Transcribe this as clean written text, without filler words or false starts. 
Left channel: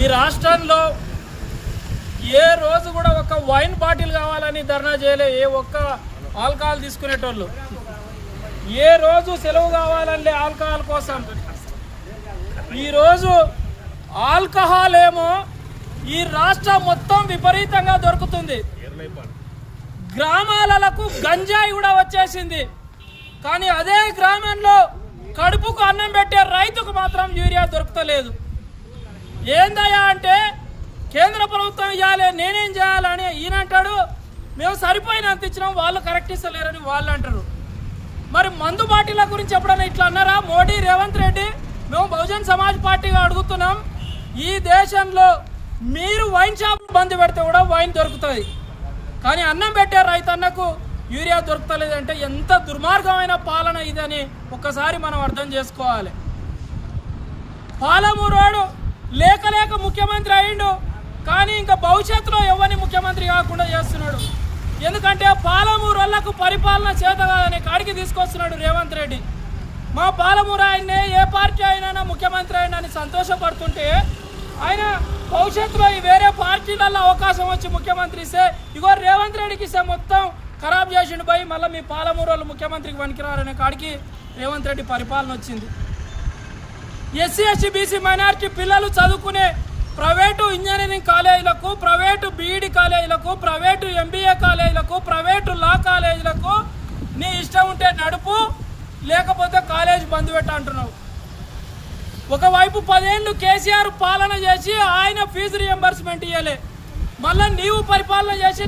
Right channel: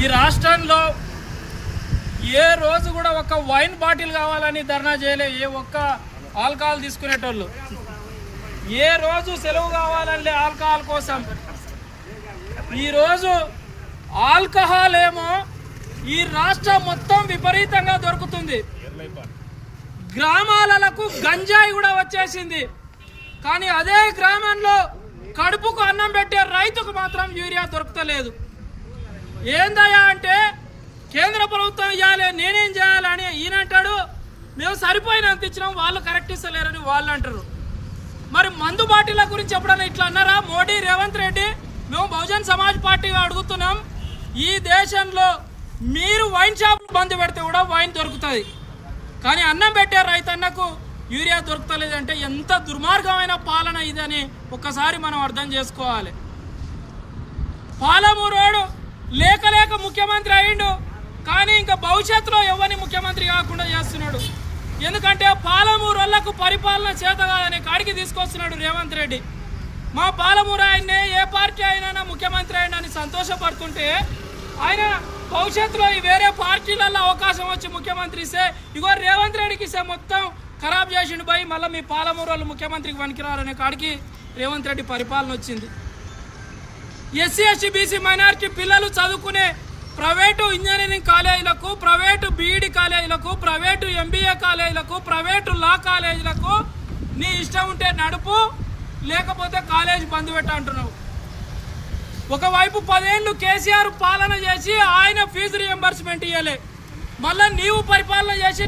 ఈ రాష్ట్రంలో ఏ రోజు కూడా ఒక వైన్ బాటిల్ కావాలని ధర్నా చేయలే, ఏ ఒక్క ఆల్కహాల్ తీసుకునేటోళ్ళు. ఏ రోజు సెలవు కావాలంటే ఆల్కహాల్ కోసం. ఈరోజు ఆల్కహాల్ ఏమో ఈ రాష్ట్రం మొత్తం విపరీతంగా దొరుకుతుంది. గ్రామాలకు గంజాయి కూడా వచ్చేసింది. కానీ అదే గ్రామంలో కడుపుకు అన్నం పెట్టే రైతుకు మాత్రం యూరియా దొరుకుతలేదు. ఏందయ్యా అంటే కేంద్ర ప్రభుత్వం ఇవ్వాలి, నేనేం చేయాలని ఈయనంటాడు. మేము సరిపోయినంత ఇచ్చినాం, వాళ్ళు కరెక్ట్ ఇస్తలేరని వాళ్ళు అంటారు. మరి మందు బాటిల గురించి ఎప్పుడన్నా ఇట్లా అన్నారా మోడీ, రేవంత్ రెడ్డి? మేము బహుజన్ సమాజ్ పార్టీగా అడుగుతున్నాం, ఈ దేశంలో మీరు వైన్ షాప్ బంద్ పెడితే కూడా వైన్ దొరుకుతుంది, కానీ అన్నం పెట్టే రైతన్నకు యూరియా దొరుకుతలేదంటే ఎంత దుర్మార్గమైన పాలన ఇదని ఒక్కసారి మనం అర్థం చేసుకోవాలి. పాలమూరోడు లేక లేక ముఖ్యమంత్రి అయిండు, కానీ ఇంకా భవిష్యత్తులో ఎవరిని ముఖ్యమంత్రి కాకుండా చేస్తున్నాడు. ఎందుకంటే పాలమూరు వాళ్ళకు పరిపాలన చేత కాదని కాడికి తీసుకొస్తున్నాడు రేవంత్ రెడ్డి. మా పాలమూరు ఆయన్నే ఏ పార్టీ అయినా ముఖ్యమంత్రి అయినా అని సంతోషపడుతుంటే, ఆయన భవిష్యత్తులో ఈ వేరే పార్టీలలో అవకాశం వచ్చి ముఖ్యమంత్రి ఇస్తే ఇగో రేవంత్ రెడ్డికి ఇస్తే మొత్తం ఖరాబ్ చేసిండు పోయి మళ్ళీ మీ పాలమూరు వాళ్ళు ముఖ్యమంత్రికి పనికిరారనే కాడికి రేవంత్ రెడ్డి పరిపాలన వచ్చింది. ఎస్సీ ఎస్టీ బీసీ మైనారిటీ పిల్లలు చదువుకునే ప్రైవేటు ఇంజనీరింగ్ కాలేజీలకు, ప్రైవేటు బీఈడి కాలేజీలకు, ప్రైవేటు ఎంబీఏ కాలేజీలకు, ప్రైవేటు లా కాలేజీలకు నీ ఇష్టం ఉంటే నడుపు, లేకపోతే కాలేజీ బంద్ పెట్ట అంటున్నావు. ఒకవైపు 10 ఏళ్ళు కేసీఆర్ పాలన చేసి ఆయన ఫీజు రియంబర్స్మెంట్ ఇవ్వలే, మళ్ళీ నీవు పరిపాలన చేసి